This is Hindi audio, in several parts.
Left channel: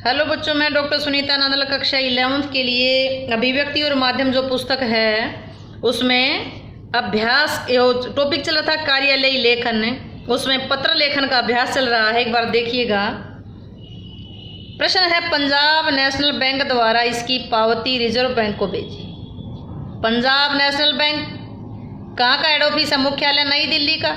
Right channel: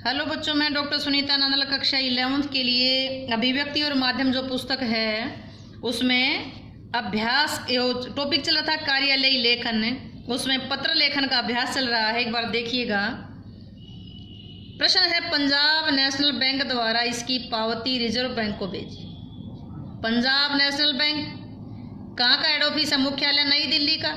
हेलो बच्चों, मैं डॉक्टर सुनीता नंदल कक्षा 11th के लिए अभिव्यक्ति और माध्यम जो पुस्तक है उसमें अभ्यास टॉपिक चल रहा था कार्यालयी लेखन। उसमें पत्र लेखन का अभ्यास चल रहा है, एक बार देखिएगा। प्रश्न है, पंजाब नेशनल बैंक द्वारा इसकी पावती रिजर्व बैंक को भेजी। पंजाब नेशनल बैंक कहाँ का हेड ऑफिस है? मुख्यालय नई दिल्ली का।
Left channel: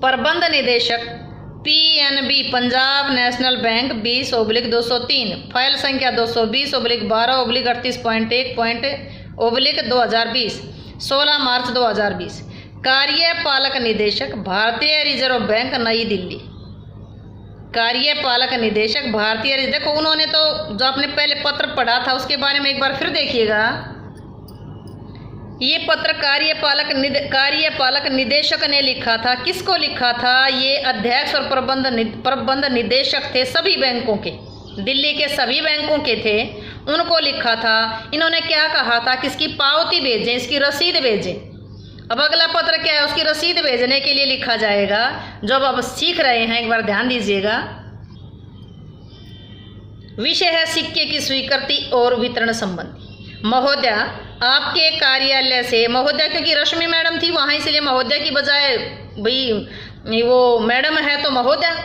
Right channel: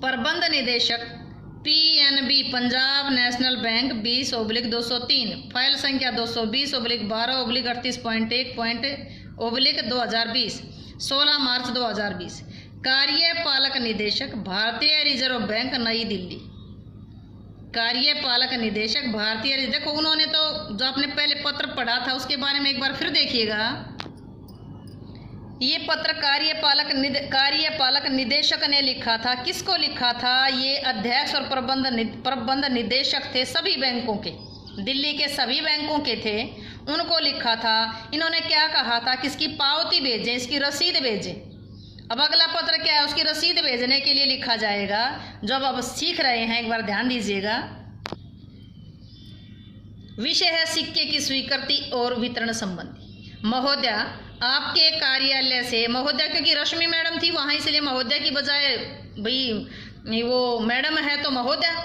प्रबंध निदेशक PNB Punjab national bank 20/203, file संख्या 220/12/38.1/2020, 16 मार्च 2020। कार्यपालक निदेशक भारतीय रिजर्व बैंक नई दिल्ली। कार्यपालक निदेशक भारतीय रिजर्व। देखो, उन्होंने तो जो आपने पहले पत्र पढ़ा था उसके बारे में एक बार फिर देखिएगा। ये पत्र कार्यपालक निदेशक ने लिखा था। किसको लिखा था? ये अध्यक्ष और प्रबंध निदेशक थे सभी बैंकों के, दिल्ली के सभी बैंकों के थे, उनको लिखा था। इन्होंने क्या कहा था कि इसकी पावती भेजें, इसकी रसीद भेजें। अब अगला पत्र क्या है? उसकी रसीद भेजने के लिए लिखा जाएगा। जब अब सीख रहे हैं एक बार ध्यान दीजिएगा। विषय है सिक्के की स्वीकृति और वितरण संबंधी। महोदय, आपके कार्यालय से, महोदय क्योंकि रश्मि मैडम थी वहाँ, इसलिए महोदय की बजाय भाई वो मैडम है तो महोदय,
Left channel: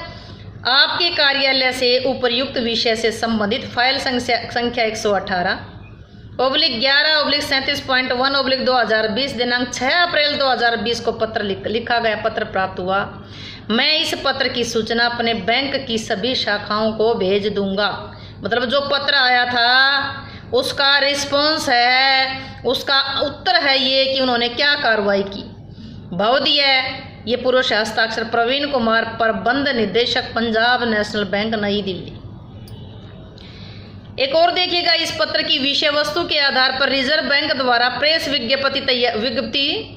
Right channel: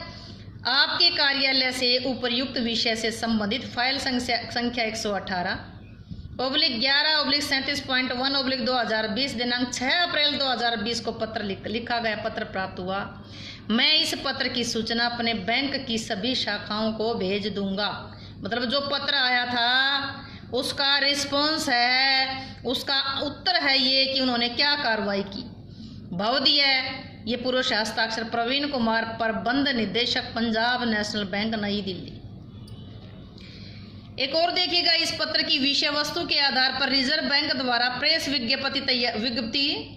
आपके कार्यालय से उपर्युक्त विषय से संबंधित फाइल संख्या 118/11/37.1/2020 दिनांक 6 अप्रैल 2020 को पत्र लिखा गया पत्र प्राप्त हुआ। मैं इस पत्र की सूचना अपने बैंक की सभी शाखाओं को भेज दूंगा। मतलब जो पत्र आया था उसका रिस्पॉन्स है, उसका उत्तर है ये कि उन्होंने क्या कार्रवाई की। भवदीय ये पुरुष हस्ताक्षर प्रवीण कुमार, प्रबंध निदेशक पंजाब नेशनल बैंक नई दिल्ली। एक और देखिएगा, इस पत्र की विषय वस्तु के आधार पर रिजर्व बैंक द्वारा प्रेस विज्ञप्ति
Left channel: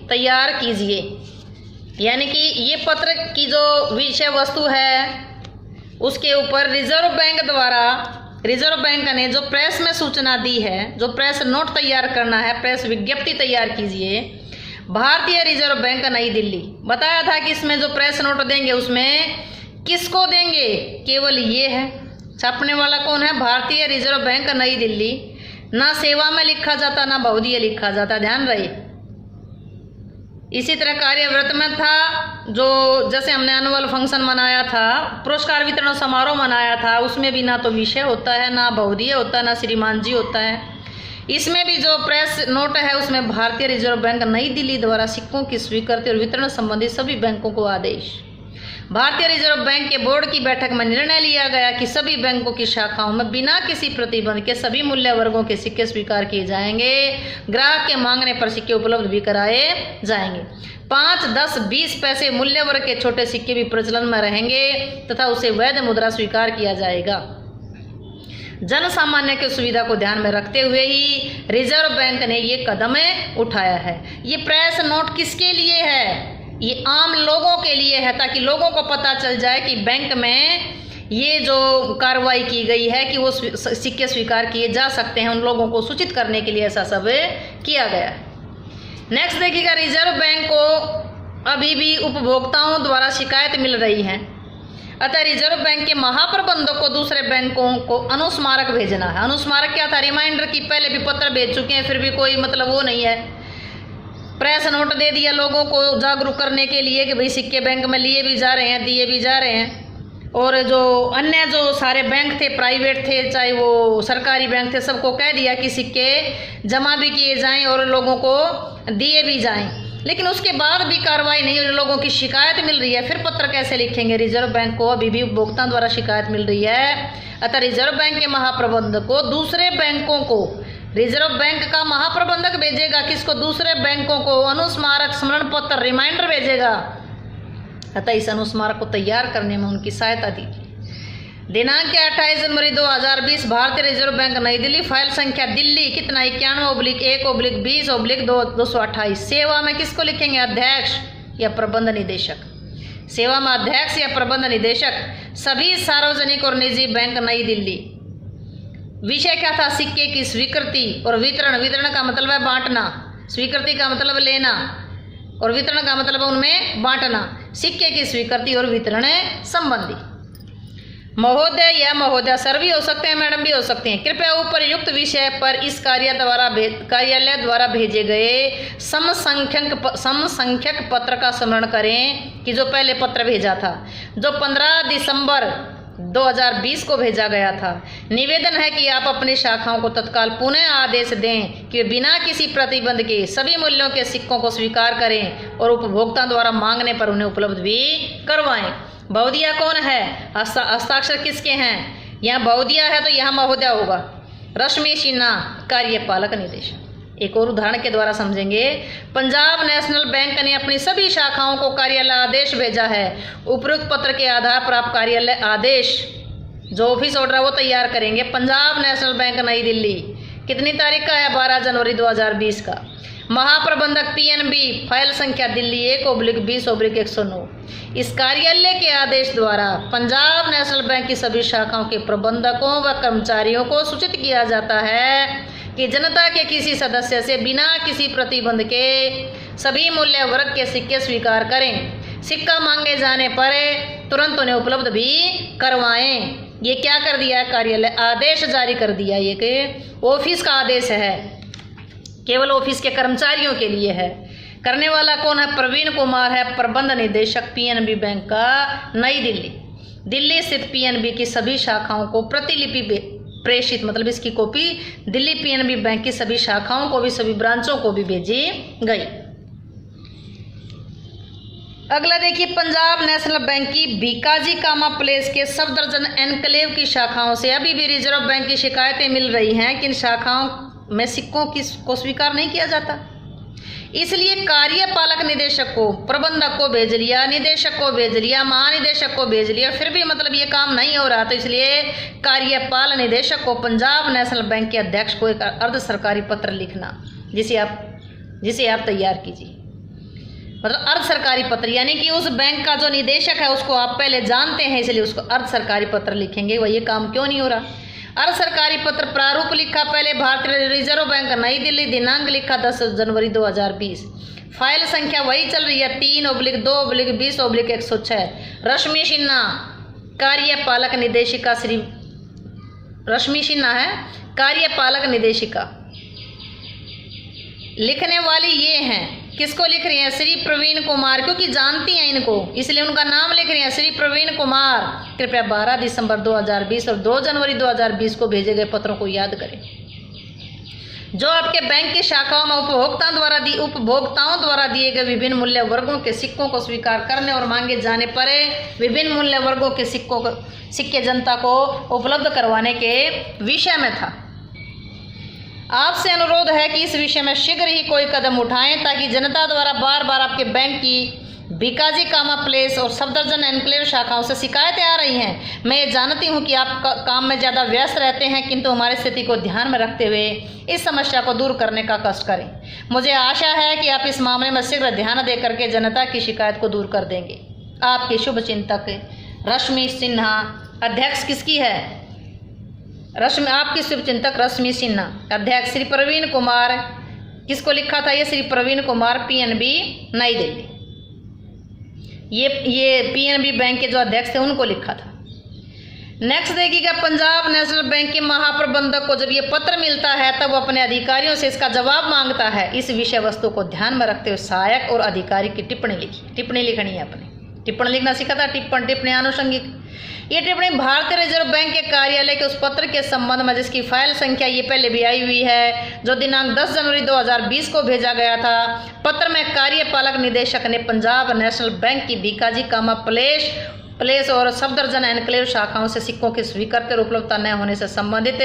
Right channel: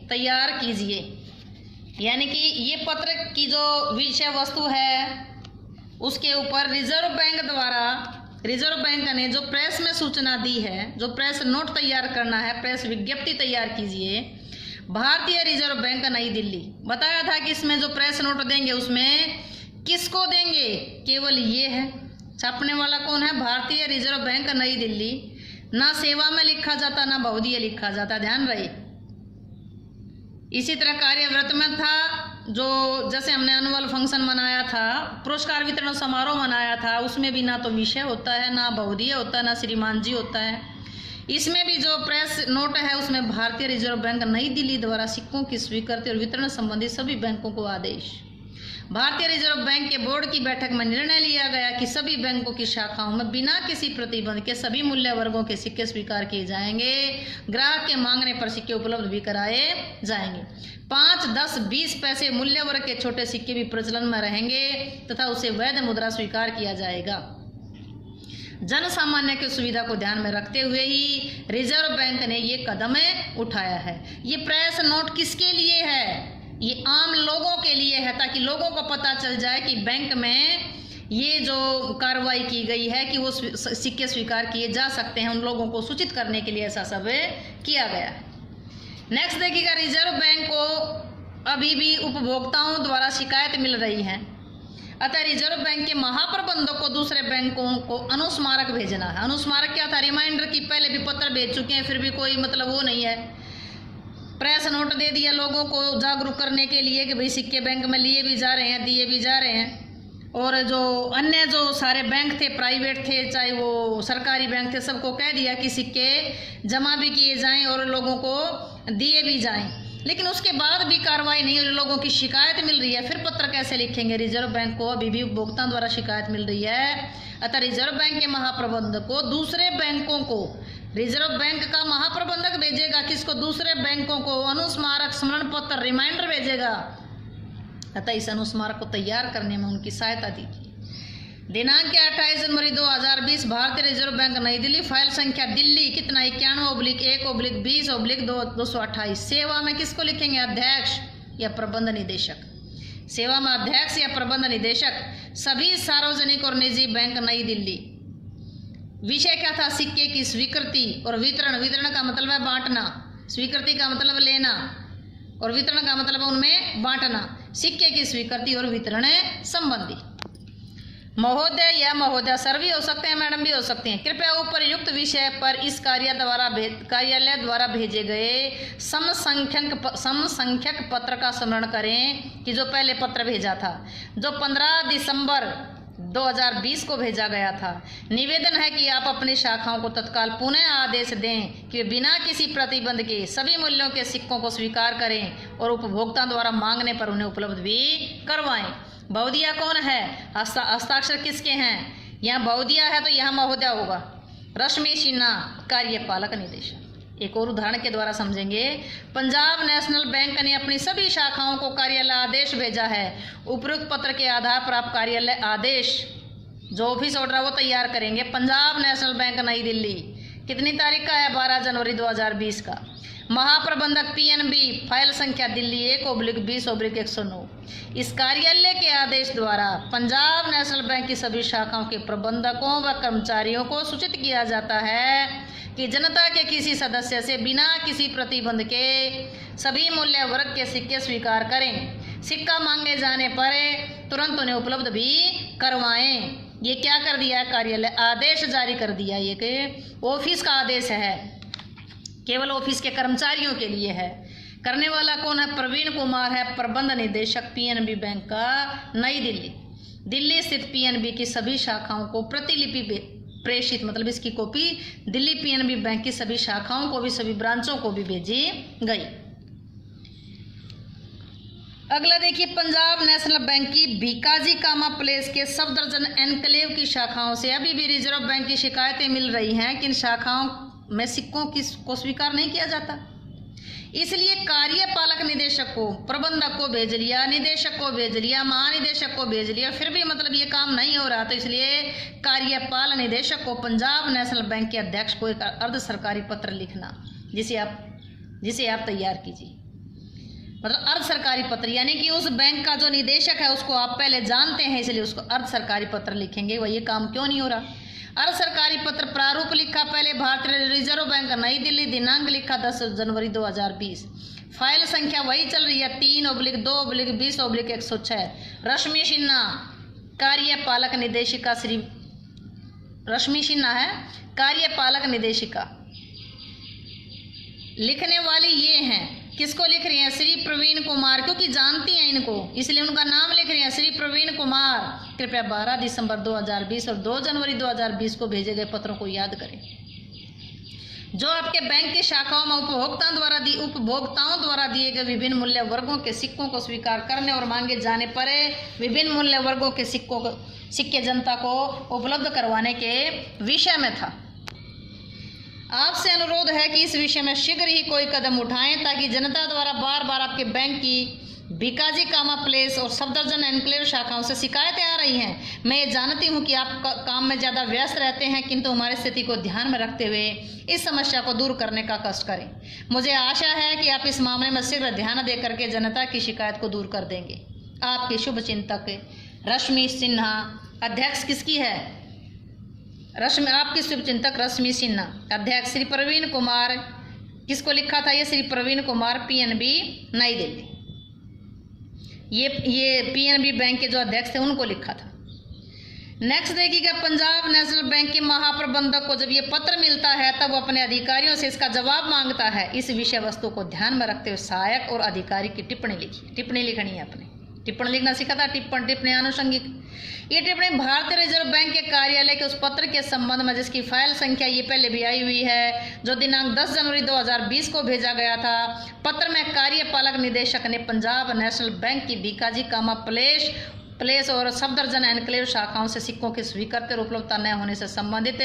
तैयार कीजिए। यानी कि ये पत्र की जो विषय वस्तु है उसके ऊपर रिजर्व बैंक ने जो प्रेस में सूचना दी है, जो प्रेस नोट तैयार करना है, प्रेस विज्ञप्ति तैयार कीजिए। भारतीय रिजर्व बैंक नई दिल्ली बताया था कि इसमें जो प्रेस नोट देंगे उसमें किसको देंगे? केवल ये है, छापने वाला कौन है? भारतीय रिजर्व बैंक नई दिल्ली। ना सेवा में लिखा जाता ना बहुदीय लिखा जाता, ध्यान रहे। इसी तरह कार्यव्रत में था, जो जैसे हमने एनुअल फंक्शन मनाया था, पुरस्कार वितरण समारोह मनाया था, उसमें भी ना तो विषय होता है, ना बहुदीय होता है, ना श्रीमान जी होता है। इसमें भी जो प्रेस नोट है उसमें भारतीय रिजर्व बैंक नई दिल्ली द्वारा सिक्कों की स्वीकृति और वितरण संबंधी सभी बैंकों को आदेश। भारतीय रिजर्व बैंक के बोर्ड की बैठक में निर्णय लिया गया कि सभी बैंकों की शाखाओं में बिना किसी प्रतिबंध के सभी मूल्य वर्गों के सिक्के स्वीकार किए जाएंगे। ग्राहक के मांगने पर सिक्के उपलब्ध भी कराए जाएंगे। 5, 10, 20 पैसे मूल्य वर्ग के छोटे सिक्के भी प्रचलन में रहेंगे तथा उसे वैध मुद्रा स्वीकार किया जाएगा। जन सामान्य की सुविधा को ध्यान में रखते हुए ही रिजर्व बैंक ने ये कदम उठाया है। ये प्रेस नोट किसके लिए है? ये आम लोगों के लिए है, ताकि लोगों को पता चल जाए कि बैंक में ये जो कार्रवाई की गई है कि वो सिक्के स्वीकार किए जा सकते हैं, उन लोगों को सूचित करने के लिए ऐसा सब किया गया है। नेक्स्ट देखिएगा, रिजर्व बैंक को अभी भी उपभोक्ताओं द्वारा शिकायत मिल रही है, अतः रिजर्व बैंक के महाप्रबंधक को दूसरे बैंकों को अनुस्मारक भेजना है। अनुस्मारक क्या था? रिमाइंडर की पहले भी पत्र भेज चुके हैं, फिर भी कोई मतलब वो नहीं है। प्रेस नोट दे दिया लोगों को जागरूक करने के लिए कि भाई सिक्के बैंक में लिए भी जा रहे हैं, दिए भी जा रहे हैं। और जो अन्य जो सारे बैंक थे, प्राइवेट थे चाहे वो सरकारी बैंक थे, सबको कह दिया कि सिक्के जमा भी किए जाएं और लोगों को दिए भी जाएं। लेकिन उसके बाद भी कार्रवाई नहीं हो रही, लोगों की शिकायत मिल रही है, फिर पत्र कैसे लिखेंगे? रिजर्व बैंक को अभी भी उपभोक्ताओं द्वारा शिकायत मिल रही है, अतः रिजर्व बैंक के महाप्रबंधक को दूसरे बैंकों को, रिजर्व बैंक का महाप्रबंधक भेजेगा किसको? दूसरे बैंकों को अनुस्मारक, स्मरण पत्र, रिमाइंडर भेजेगा। अतः इस अनुस्मारक को तैयार करने में उनकी सहायता दीजिए। दिनांक 28 जनवरी 2020, भारतीय रिजर्व बैंक नई दिल्ली, फाइल संख्या दिल्ली कितना 91/1/20/228। सेवा में किसको लिखेंगे? अध्यक्ष या प्रबंध निदेशक। सेवा में अध्यक्ष या प्रबंध निदेशक, सभी सार्वजनिक और निजी बैंक नई दिल्ली। विषय क्या था? सिक्के की स्वीकृति और वितरण। वितरण का मतलब है बांटना, स्वीकृति का मतलब लेना और वितरण का मतलब उनमें बांटना। सिक्के की स्वीकृति और वितरण संबंधी। महोदय या महोदया सर भी हो सकते हैं, मैडम भी हो सकते हैं। कृपया उपयुक्त विषय पर इस कार्यालय द्वारा भेजे गए समसंख्यक पत्र का स्मरण करें कि जो पहले पत्र भेजा था, जो 15 दिसंबर 2020 को भेजा गया था। निवेदन है कि आप अपनी शाखाओं को तत्काल पुनः आदेश दें कि बिना किसी प्रतिबंध के सभी मूल्यों के सिक्कों को स्वीकार करें और उपभोक्ता द्वारा मांगने पर उन्हें उपलब्ध भी करवाएं। बहुदिया कौन है? हस्ताक्षर किसके हैं? यहाँ बहुदिया है तो यहाँ महोदया होगा। रश्मि सिन्हा कार्यपालक निदेशक। एक और उदाहरण के द्वारा समझेंगे। पंजाब नेशनल बैंक ने अपनी सभी शाखाओं को कार्यालय आदेश भेजा है। उपरोक्त पत्र के आधार पर आप कार्यालय आदेश जो ऑफिस ऑर्डर है वो तैयार करेंगे। पंजाब नेशनल बैंक नई दिल्ली, कितनी तारीख का है? 12 जनवरी 2020 का। महाप्रबंधक पीएनबी, फाइल संख्या दिल्ली 1/20/109। इस कार्यालय के आदेश द्वारा पंजाब नेशनल बैंक की सभी शाखाओं के प्रबंधकों व कर्मचारियों को सूचित किया जाता है कि जनता के किसी सदस्य से बिना किसी प्रतिबंध के सभी मूल्य वर्ग के सिक्के स्वीकार करें। सिक्का मांगे जाने पर तुरंत उन्हें उपलब्ध भी करवाएं। ये क्या कर दिया? कार्यालय आदेश जारी कर दिया। ये कि ऑफिस का आदेश है, केवल ऑफिस के कर्मचारियों के लिए है। करने वाला कौन है? प्रवीण कुमार है, प्रबंध निदेशक पीएनबी बैंक का नई दिल्ली। दिल्ली स्थित पीएनबी की सभी शाखाओं को प्रतिलिपि प्रेषित, मतलब इसकी कॉपी दिल्ली पीएनबी बैंक की सभी शाखाओं को भी, सभी ब्रांचों को भी भेजी गई। अगला देखिए, पंजाब नेशनल बैंक की भीकाजी कामा प्लेस के सफदरजंग एनक्लेव की शाखाओं से अभी भी रिजर्व बैंक की शिकायतें मिल रही हैं कि इन शाखाओं में सिक्कों को स्वीकार नहीं किया जाता। इसलिए कार्यपालक निदेशक को, प्रबंधक को भेज लिया, निदेशक को भेज लिया, महानिदेशक को भेज लिया, फिर भी मतलब ये काम नहीं हो रहा। तो इसलिए कार्यपाल निदेशक को पंजाब नेशनल बैंक के अध्यक्ष को एक अर्ध सरकारी पत्र लिखना, जिसे आप तैयार कीजिए। मतलब अर्ध सरकारी पत्र, यानी कि उस बैंक का जो निदेशक है उसको आप पहले जानते हैं, इसलिए उसको अर्ध सरकारी पत्र लिखेंगे। वह ये काम क्यों नहीं हो रहा? अर्ध सरकारी पत्र प्रारूप लिखा पहले भारतीय रिजर्व बैंक नई दिल्ली, दिनांक लिखा 10 जनवरी 2020। फाइल संख्या वही चल रही है 3/2/20/106। रश्मि सिन्हा कार्यपालक निदेशिका, श्री रश्मि सिन्हा है कार्यपालक निदेशिका। लिखने वाली ये हैं, किसको लिख रही हैं? श्री प्रवीण कुमार, क्योंकि जानती हैं इनको इसलिए उनका नाम लिख रही हैं, श्री प्रवीण कुमार। कृपया 12 दिसंबर 2020 और 2 जनवरी 2020 को भेजे गए पत्रों को याद करें। जो आपके बैंक की शाखाओं में उपभोक्ताओं द्वारा दिए गए विभिन्न मूल्य वर्गों के सिक्कों को स्वीकार करने और मांगे जाने पर विभिन्न मूल्य वर्गों के सिक्के जनता को उपलब्ध करवाने के विषय में था। आपसे अनुरोध है कि इस विषय में शीघ्र ही कोई कदम उठाएं ताकि जनता द्वारा बार बार आपके बैंक की भीकाजी कामा प्लेस और सफदरजंग एनक्लेव शाखाओं से शिकायतें आ रही हैं। मैं ये जानती हूं कि आप काम में ज़्यादा व्यस्त रहते हैं, किंतु हमारी स्थिति को ध्यान में रखते हुए इस समस्या को दूर करने का कष्ट करें। मुझे आशा है कि आप इस मामले में शीघ्र ध्यान दे करके जनता की शिकायत को दूर कर देंगे। आपके शुभ चिंतक रश्मि सिन्हा। अध्यक्ष किसकी है? आपकी शुभचिंतक रश्मि सिन्हा। अध्यक्ष श्री प्रवीण कुमार। किसको लिखा था ये? श्री प्रवीण कुमार, पीएनबी नई दिल्ली। ये पीएनबी बैंक के जो अध्यक्ष थे उनको लिखा था। नेक्स्ट देखिएगा, पंजाब नेशनल बैंक के महाप्रबंधक को जब ये पत्र मिलता है तब वो अपने अधिकारियों से इसका जवाब मांगता है। इस विषय वस्तु को ध्यान में रखते हुए सहायक और अधिकारी की टिप्पणी लिखी। टिप्पणी लिखनी है अपने, टिप्पणी लिखना सीखा था। टिप्पणी आनुषंगिक। ये टिप्पणी भारतीय रिजर्व बैंक के कार्यालय के उस पत्र के संबंध में जिसकी फाइल संख्या ये पहले भी आई हुई है, जो दिनांक 10 जनवरी 2020 को भेजा गया था। पत्र में कार्यपालक निदेशक ने पंजाब नेशनल बैंक की भीकाजी कामा प्लेस और सफदरजंग एनक्लेव शाखाओं से सिक्कों की स्वीकृति और उपलब्धता न होने से संबंधित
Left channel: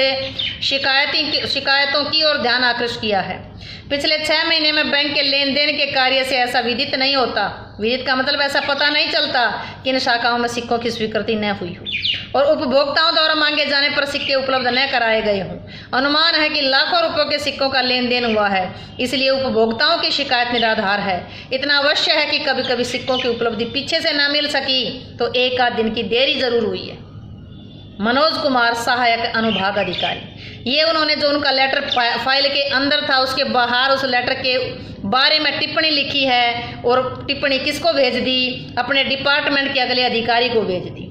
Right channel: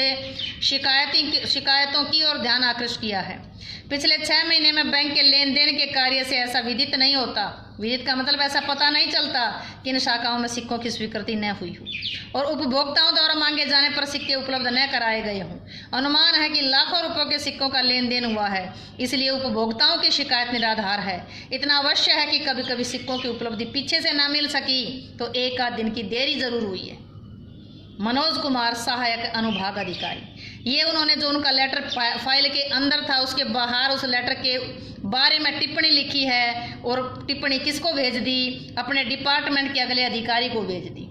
शिकायतों की ओर ध्यान आकृष्ट किया है। पिछले 6 महीने में बैंक के लेन देन के कार्य से ऐसा विदित नहीं होता। विदित का मतलब ऐसा पता नहीं चलता कि इन शाखाओं में सिक्कों की स्वीकृति न हुई हो और उपभोक्ताओं द्वारा मांगे जाने पर सिक्के उपलब्ध न कराए गए हों। अनुमान है कि लाखों रुपयों के सिक्कों का लेन देन हुआ है, इसलिए उपभोक्ताओं की शिकायत निराधार है। इतना अवश्य है कि कभी कभी सिक्कों की उपलब्धि पीछे से न मिल सकी तो 1 आध दिन की देरी जरूर हुई है। मनोज कुमार, सहायक अनुभाग अधिकारी। ये उन्होंने जो उनका लेटर फाइल के अंदर था उसके बाहर उस लेटर के बारे में टिप्पणी लिखी है और टिप्पणी किसको भेज दी? अपने डिपार्टमेंट के अगले अधिकारी को भेज दी।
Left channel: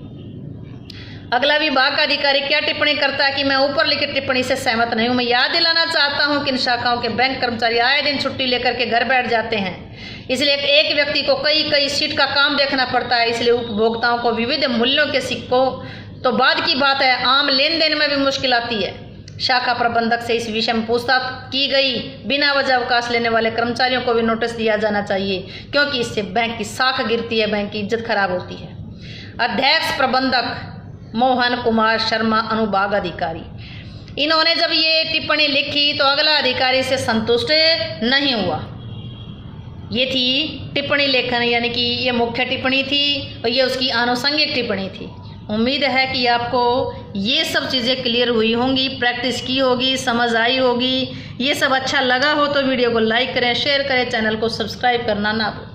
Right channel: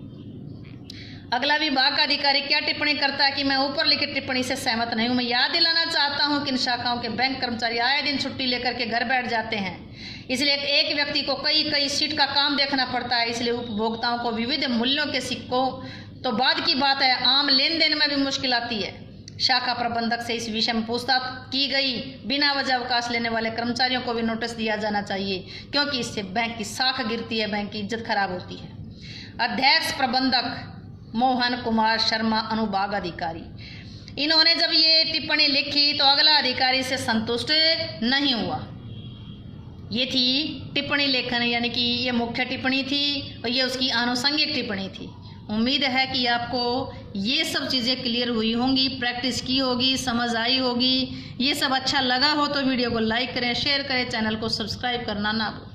अगला विभाग का अधिकारी क्या टिप्पणी करता है कि मैं ऊपर लिखित टिप्पणी से सहमत नहीं हूं। मैं याद दिलाना चाहता हूं कि इन शाखाओं के बैंक कर्मचारी आए दिन छुट्टी लेकर के घर बैठ जाते हैं, इसलिए एक व्यक्ति को कई शीट का काम देखना पड़ता है। इसलिए उपभोक्ताओं को विविध मूल्यों के सिक्कों तो बाद की बात है, आम लेन देन में भी मुश्किल आती है। शाखा प्रबंधक से इस विषय में पूछताछ की गई। बिना वजह अवकाश लेने वाले कर्मचारियों को भी नोटिस दिया जाना चाहिए, क्योंकि इससे बैंक की साख गिरती है, बैंक की इज्जत खराब होती है। अध्यक्ष प्रबंधक मोहन कुमार शर्मा, अनुभाग अधिकारी, इन्होंने जब ये टिप्पणी लिखी तो अगला अधिकारी से संतुष्ट नहीं हुआ। ये थी टिप्पणी लेखन, यानी कि ये मुख्य टिप्पणी थी और ये उसकी आनुषंगिक टिप्पणी थी। उम्मीद है कि आपको ये सब चीज़ें क्लियर हुई होंगी, प्रैक्टिस की होगी, समझ आई होगी। ये सब अच्छा लगा हो तो वीडियो को लाइक करें, शेयर करें, चैनल को सब्सक्राइब करना ना भूलें।